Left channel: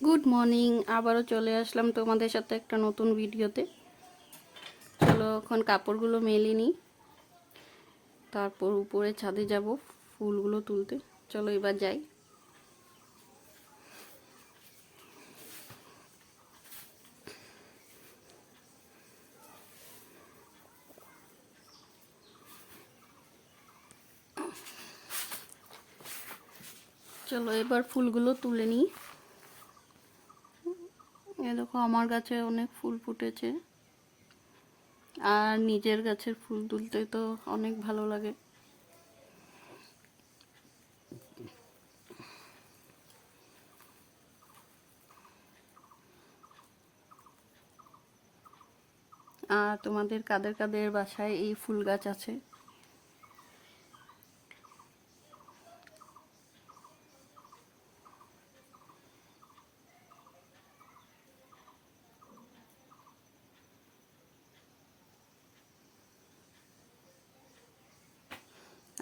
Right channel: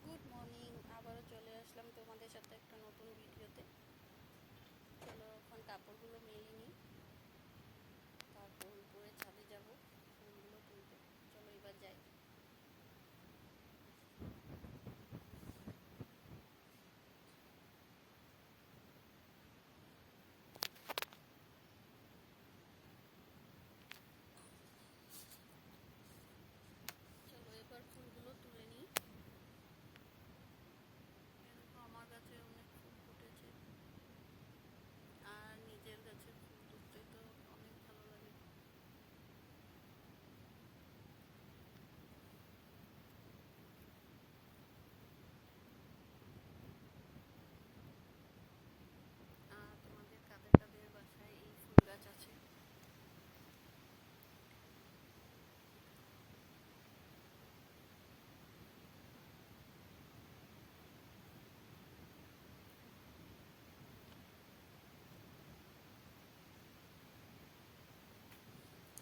Good morning, আবারও চলে আসলাম তোমাদের সাথে একটা নতুন ভিডিওতে। চলো এখন কাপড়গুলো মেলে নিই, তারপর উপরে ছাদে যাব ফুলগুলো তুলতে। চলো এবার যাই। চলো এবার ফুলগুলো তুলে নিই। এ দেখো আমার গাছে অনেক ফুল ফুটেছে, আর নিজের গাছের ফুল তুলতে তো অনেক ভালো লাগে। আর তোমাদের কাদের কাদের বাসায় এই ফুল গাছ আছে?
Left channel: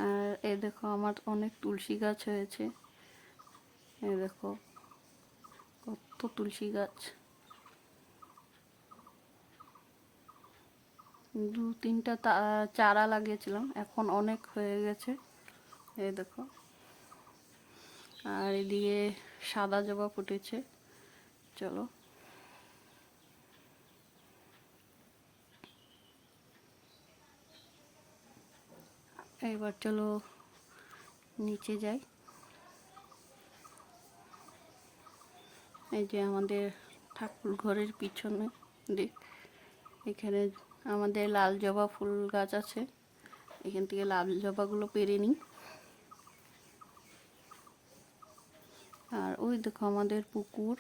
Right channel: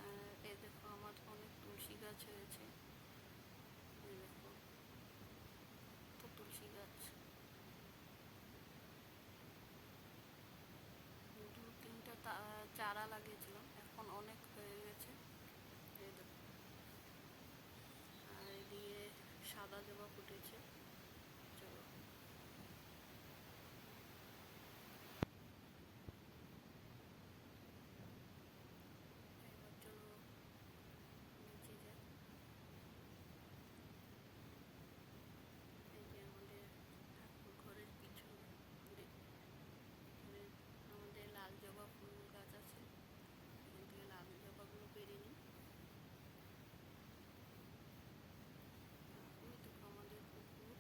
আর এই দেখো আমার অনেক তুলসী গাছ হয়েছে। এই দেখো কত তুলসী গাছ, দু তিনটা চারা লাগিয়েছিলাম, এখন অনেক হয়ে গেছে। এই দেখো, আর এদিকে সাদা জবা ফুটেছে। চলো এবার চলো নিচে যাই। এই যে আমাদের ঠাকুর ঘরের পিছনে দিক, এখানে আমাদের লাল জবা ফুল গাছ আছে। এখান থেকে লাল জবাগুলো পেরে নিই। আর ওই দেখো আমাদের পুকুর।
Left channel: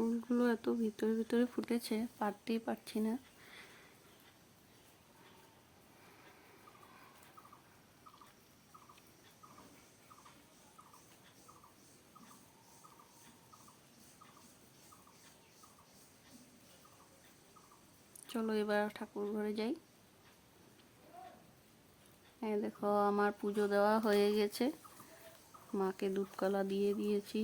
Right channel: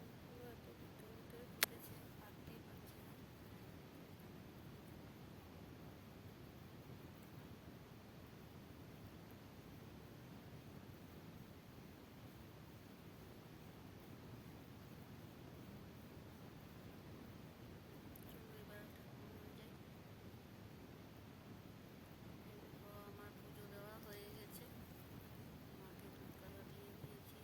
ফুলগুলো এত ভিতরে ভিতরে ফুটেছে, পারতেই পারছি না। চলো এবার ঠাকুর ঘরে যাই। এই দেখো আমার পুজো দেওয়া হয়ে গেছে, মাকে দুধ কলা দিয়ে দিয়েছি।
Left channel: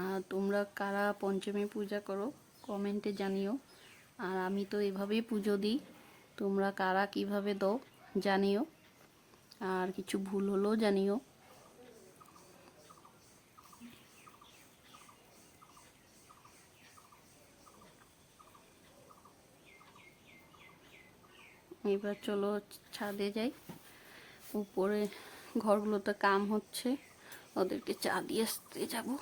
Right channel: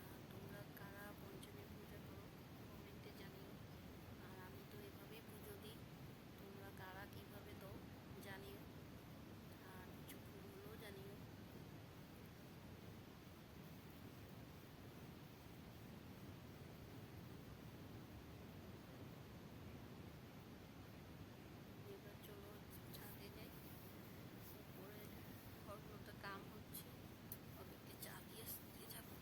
আর তোমরা কারা পঞ্চমী পূজা করো কমেন্টে জানিও। আর আমি তো এভাবেই পুজো দিই, তোমরা কারা কিভাবে দাও জানিও, আর কিছু ভুল হলেও জানিও। এবার চলো ছাদে যাই। উপরে ঘরগুলোতে কাম হচ্ছে, ওদেরকে চা দিয়ে আসতে যাবো।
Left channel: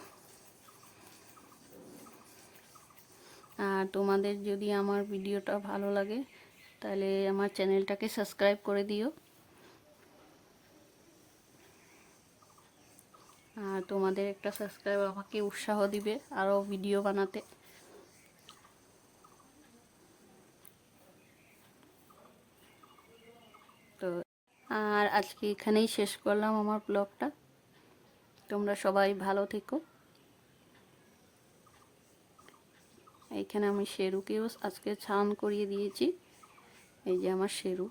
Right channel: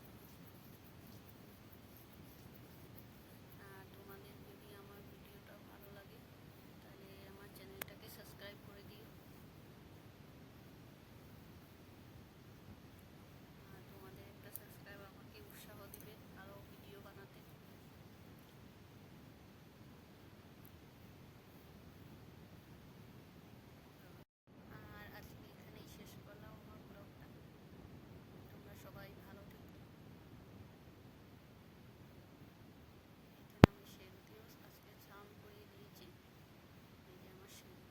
আর তোমাদের যদি আমার ভিডিওটা ভালো লাগে তাহলে আমার চ্যানেলটাকে সাবস্ক্রাইব করে দিও। আর তোমাদের একটা সাবস্ক্রাইব আমাকে উৎসাহ দিবে আরও ভিডিও বানাতে। তো আর আজকে এখানেই শেষ করলাম আমার ব্লগটা। তোমরা সবাই ভালো থেকো। এইখানে আমি শেরুকেও আজকে স্নান করিয়ে দিয়েছি। এই যে আমার শেরু।